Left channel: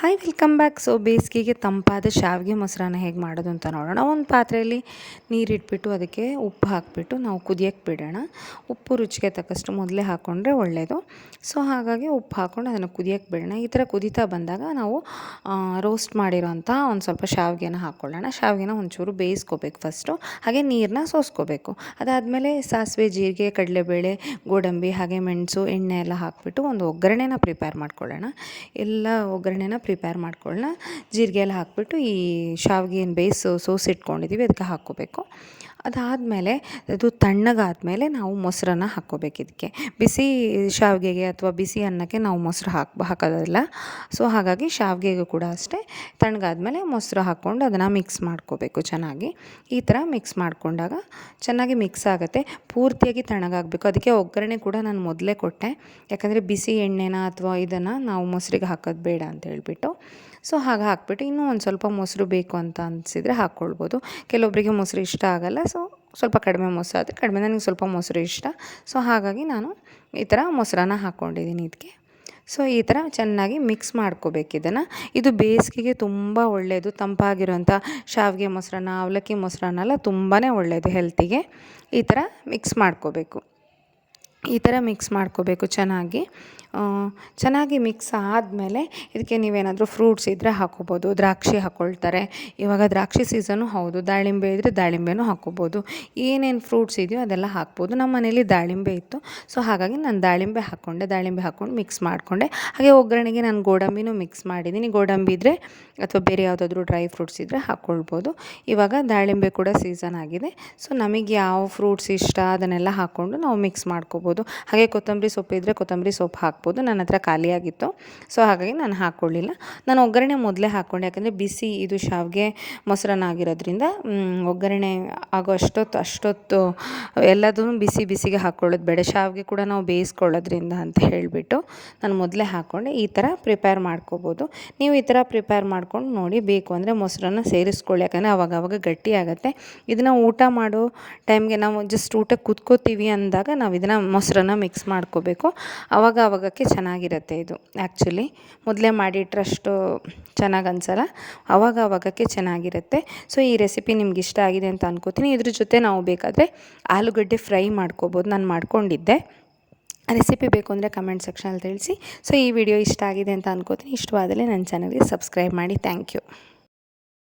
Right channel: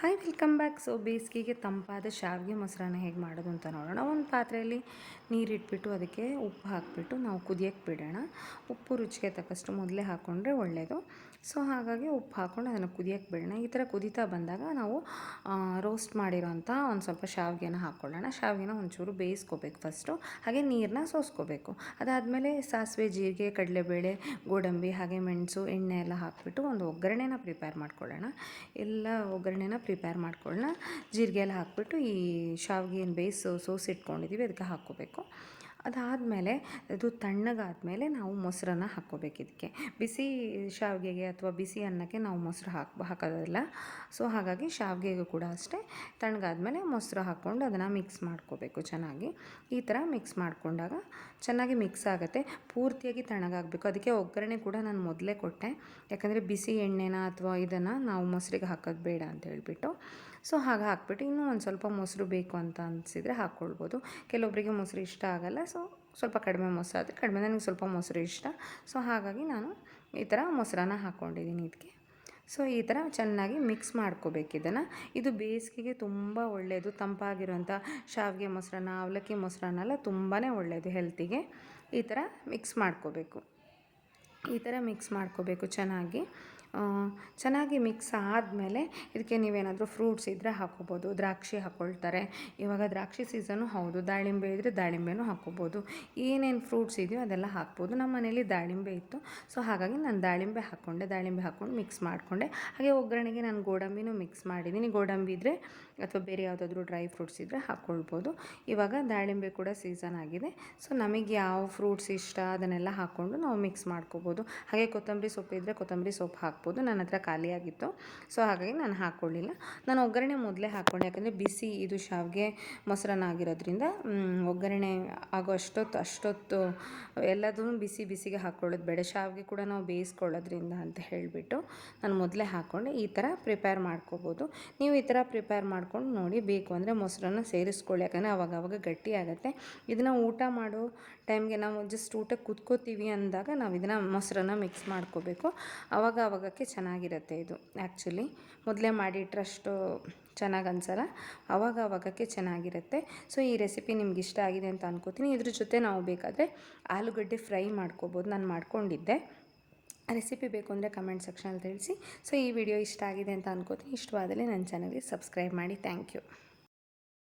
Hi welcome back. So ಬೇಸಿಗೆಗೆ ತಂಪಾದ ಶಾವಿಗೆ ಮೊಸರನ್ನ ಹೇಗೆ ಮಾಡೋದು ಅಂತ ನೋಡೋಣ. ಒಂದು ಪಾತ್ರೆಯಲ್ಲಿ ನೀರಿಟ್ಬಿಟ್ಟು ಅದಕ್ಕೆ ಉಪ್ಪು ಹಾಕಿಬಿಟ್ಟು ನಾವು ಕುದಿಯೋಕ್ಕೆ ಬಿಡೋಣ. ಉಪ್ಪು ರುಚಿಗೆ ತಕ್ಕಷ್ಟು ಮೊದಲೇ ಹಾಕ್ಕೊಂಡ್ರೆ ಒಳ್ಳೆಯದು. ಸೊ ಹಾಗಾಗಿ ಉಪ್ಪು ಹಾಕ್ಕೊಂಡು ಅದನ್ನು ಕುದಿಯೋಕ್ಕೆ ಬಿಡೋಣ. ಈ ಥರ ಕುದೀತಾ ಬಂದಾಗ ನಾವು ರೋಸ್ಟ್ ಮಾಡಿರೋಂಥ ಒಂದು ಸ್ವಲ್ಪ ಶಾವಿಗೆನ ಹಾಕ್ಕೊಳ್ಳೋಣ. ಶಾವಿಗೆನ ಒಂಚೂರು ಬೇಯಿಸ್ಕೋಬೇಕು ಫಸ್ಟು, ಹಾಗೆ ನೀರನ್ನ ಸೋಸ್ಕೋಬೇಕು. ಅದಾದಮೇಲೆ ಸಾಸಿವೆ, ಜೀರಿಗೆ, ಕಡಲೆಬೇಳೆ, ಗೋಡಂಬಿ, ಹಾಗೆ ಮೆಣಸು, ಎಣ್ಣೆ ಎಲ್ಲ ಹಾಕಿಬಿಟ್ಟು ಒಂದು ಒಗ್ಗರಣೆನ ಪ್ರಿಪೇರ್ ಮಾಡ್ಕೊಳ್ಳೋಣ. ಎಲ್ಲ ಒಗ್ಗರಣೆನ ಪ್ರಿಪೇರ್ ಮಾಡ್ಕೊಳ್ಳೋಣ. ಜೀರಿಗೆ ಎಲ್ಲ ಹಾಕಿಬಿಟ್ಟು ಈ ಶಾವಿಗೆ ಏನು ಸೋಸಿಟ್ಕೊಂಡಿದ್ದೀವಿ ಅದಕ್ಕೆ ಹಾಕ್ಕೋಬೇಕು. ಅದಾದಮೇಲೆ ಅದು ತಣ್ಣಗಾದಮೇಲೆ ನಾವು ಮೊಸರನ್ನ ಹಾಕ್ಕೋಬೇಕು. ಇದಕ್ಕೆ ಬಿಸಿ ಶಾವಿಗೆಗೆ ಅಥವಾ ಬಿಸಿ ಅನ್ನಕ್ಕೆ ನಾವು ಮೊಸರು ಹಾಕೋದಿಲ್ಲ. ಸೊ ಹಾಗಾಗಿ ಶಾವಿಗೆಗೂ ಕೂಡ ಅಷ್ಟೇ ತಣ್ಣಗಾದ್ಮೇಲೆ ಮೊಸರು ಹಾಕ್ಕೊಂಡು ಅದನ್ನು ಮಿಕ್ಸ್ ಮಾಡ್ಕೋಬೇಕು ಚೆನ್ನಾಗಿ. ಈ ಥರ ಮಿಕ್ಸ್ ಮಾಡಿಕೊಂಡಾಗ ಚೆನ್ನಾಗಿ ಮಿಕ್ಸ್ ಆಗುತ್ತೆ. ಪೂರ್ತಿಯಾಗಿ ತಣ್ಣಗಾಗಬೇಕು. ಅದಕ್ಕೆ ಒಗ್ಗರಣೆ ಕೂಡ ನಾನು ಮೊದಲೇ ಕೊಟ್ಟೆ, ಯಾಕಂದರೆ ಬಿಸಿ ಎಣ್ಣೆನ ಅಥವಾ ಇದನ್ನು ನಾವು ಮೊಸರಿಗೆ ಹಾಕೋದು ಬೇಡ ಅಂತ ಹೇಳ್ಬಿಟ್ಟು. ಸೊ ಹಾಗೆ ಹಾಕ್ಬಿಟ್ಟು ಇನ್ನೂ ಒಂದು ಸ್ವಲ್ಪ ಮೊಸರು ಬೇಕು ಅಂತ ಅನಿಸಿದರೆ ಹಾಕ್ಕೊಳ್ಬೋದು. ಕೆಲವೊಬ್ಬರಿಗೆ ಮೊಸರು ಇಷ್ಟ ಆಗೋಲ್ಲ, ಸೊ ಸ್ವಲ್ಪ ಕಡಿಮೆ ಮೊಸರು ಆದರೆ ಕಡಿಮೆ. ನನಗೆ ಸ್ವಲ್ಪ ಮೊಸರು ಇಷ್ಟ, ಸೊ ಹಾಗಾಗಿ ನಾನು ಈ ಥರ ಮೊಸರನ್ನ ಹಾಕ್ಕೊಂಡಿದ್ದೀನಿ ಇದಕ್ಕೆ. ಸೊ ಈ ಥರ ಚೆನ್ನಾಗಿ ಮಿಕ್ಸ್ ಮಾಡ್ಕೋಬೇಕು ಇದನ್ನು. ಇದು ಬೇಸಿಗೆಗೆ ತುಂಬ ಒಳ್ಳೆಯದು. ತಂಪಾಗಿರೋಂಥ ಶಾವಿಗೆ ಮೊಸರನ್ನ, ಅವಲಕ್ಕಿ ಮೊಸರನ್ನ ಎಲ್ಲ ತುಂಬಾ ಒಳ್ಳೆಯದು ಹೆಲ್ತಿಗೆ. ಈ ಥರ ಮಿಕ್ಸ್ ಮಾಡ್ಕೋಬೇಕು. ಈ ಥರ ಮಿಕ್ಸ್ ಮಾಡ್ಕೋಬೇಕು ಚೆನ್ನಾಗಿ ಮಿಕ್ಸ್ ಆದಮೇಲೆ ಇದಕ್ಕೆ ನೀವೇನಾದರೂ ಫ್ರೂಟ್ಸ್ ಇದ್ದರೆ ಹಾಕ್ಕೋಬೋದು. ದ್ರಾಕ್ಷಿ ಹಾಕ್ಕೊಳ್ತಾರೆ, ಇವಾಗ ದ್ರಾಕ್ಷಿ ಸೀಸನು ಹೌದು. ದಾಳಿಂಬೆ ಇದ್ದರೆ ದಾಳಿಂಬೆನೂ ಹಾಕ್ಕೋಬೋದು. ಏನೇನು ಫ್ರೂಟ್ಸ್ ಇದೆಯೋ ಅದೆಲ್ಲ ಹಾಕ್ಬೋದು. ನಮ್ಮ ಮನೇಲಿ ದಾಳಿಂಬೆ ಇತ್ತು, ಸೊ ಹಾಗಾಗಿ ನಾನು ದಾಳಿಂಬೆ ಹಾಕ್ಕೊಂಡು ಮಿಕ್ಸ್ ಮಾಡಿಕೊಂಡೆ. ಹಾಗೆ ಒಗ್ಗರಣೆಗೆ ನಾನು ಗೋಡಂಬಿನೂ ಮಿಕ್ಸ್ ಮಾಡಿದ್ದೀನಿ. ಗೋಡಂಬಿ ಇದ್ದರೆ ಅಥವಾ ಬೇರೆ ಯಾವುದಾದ್ರೂ ಡ್ರೈ ಫ್ರೂಟ್ಸ್ ಇದ್ದರೆ ಹಾಕ್ಕೊಳ್ಬೋದು. ಇವಾಗ ದಾಳಿಂಬೆ ಕೂಡ ಸೀಸನ್ ಆಗಿದೆ, ಸೊ ನಮಗೆ ಯಾವ ಫ್ರೂಟ್ಸ್ ಇಷ್ಟ ಅದನ್ನೆಲ್ಲ ಹಾಕ್ಕೊಂಡು ನಾವು ಮಿಕ್ಸ್ ಮಾಡ್ಕೋಬೋದು. ಹಾಗೆ ಕೊತ್ತಂಬರಿ ಸೊಪ್ಪು ಇದ್ದರೆ ಕೊತ್ತಂಬರಿ ಸೊಪ್ಪು ಹಾಕ್ಬೋದು. ನನ್ನ ಹತ್ರ ಖಾಲಿಯಾಗಿತ್ತು, ಸೊ ಹಾಗಾಗಿ ನಾನು ಹಾಕ್ಕೊಳ್ಳಿಲ್ಲ. ನಾನು ಒಗ್ಗರಣೆ ಮೊದಲೇ ಹಾಕ್ಕೊಂಡೆ, ಯಾಕಂದರೆ ಬಿಸಿ ಇದು ಶಾವಿಗೆ ಮೊಸರನ್ನ ಆಗಿರೋದ್ರಿಂದ ಒಗ್ಗರಣೆ ಆಗೋ ಅಷ್ಟೊತ್ತು ಎಲ್ಲದೂ ಬಿಸಿಗೆ ಹಾಕ್ಕೊಳ್ಳೋದು ಬೇಡ. ಶಾವಿಗೆ ಕೂಡ ನಾವು ಬೇಯಿಸ್ಕೊಳ್ಳೋದ್ರಿಂದ ಅಂತ ಹೇಳಿಬಿಟ್ಟು ನಾನು ಮೊದಲೇ ಹಾಕ್ಕೊಂಡೆ. ಈ ಥರ ಪ್ರಿಪೇರ್ ಮಾಡ್ಕೋಬೋದು. ನೀವು ಈ ಥರ ಪ್ರಿಪೇರ್ ಮಾಡ್ಕೊಂಡು ನೋಡಿ. ಬೇಕು ಅಂದರೆ ಮೊಸರನ್ನ ಸೇರಿಸ್ಕೊಳ್ಳಿ, ಯಾಕಂದರೆ ಆವಾಗ ಗಟ್ಟಿ ಆಗುತ್ತೆ. ಇದನ್ನು ಊಟ ಮಾಡೋ ಟೈಮ್ಗೆ ನಾವು ಜಸ್ಟ್ ಊಟಕ್ಕೆ ಕೂತ್ಕೋತೀವಿ ಅಂದಾಗ ನಾವು ಇದನ್ನು ಮೊಸರನ್ನ ಮಿಕ್ಸ್ ಮಾಡ್ಕೋಬೇಕು. ಆವಾಗಕ್ಕೆ ಚೆನ್ನಾಗಿರುತ್ತೆ ಇದು. ಆ್ಯಕ್ಚುಲಿ ಮೊದಲೇ ಮಾಡಿಟ್ರೆ ಅಷ್ಟು ಚೆನ್ನಾಗಿ ಅನಿಸಲ್ಲ, ಆವಾಗಕ್ಕೆ ಚೆನ್ನಾಗಿರುತ್ತೆ. ಸೊ ಈ ರೆಸಿಪಿ ನಿಮ್ಗೆ ಇಷ್ಟ ಆಗಿದೆ ಅಂತ ಅನ್ಕೋತೀನಿ. ಇದ್ರ ಜೊತೆ ನಾವು ಬೇಕಾದರೆ ಆಲೂಗಡ್ಡೆ ಫ್ರೈ ಮಾಡ್ಕೋಬೋದು. ನಾನು ಮಾಡ್ಕೊಂಡಿದ್ದೆ. ರೆಸಿಪಿ ಬೇಕು ಅಂದರೆ ಕಮೆಂಟ್ ಸೆಕ್ಷನಲ್ಲಿ ತಿಳಿಸಿ. ಸೊ ಈ ವಿಡಿಯೋ ಇಷ್ಟ ಆಗಿದೆ ಅಂತ ಅನ್ಕೋತೀನಿ. ಇಷ್ಟವಾದರೆ ನನ್ನ ಚಾನಲ್ಗೆ ಸಬ್ಸ್ಕ್ರೈಬ್ ಮಾಡಿ. Thank you.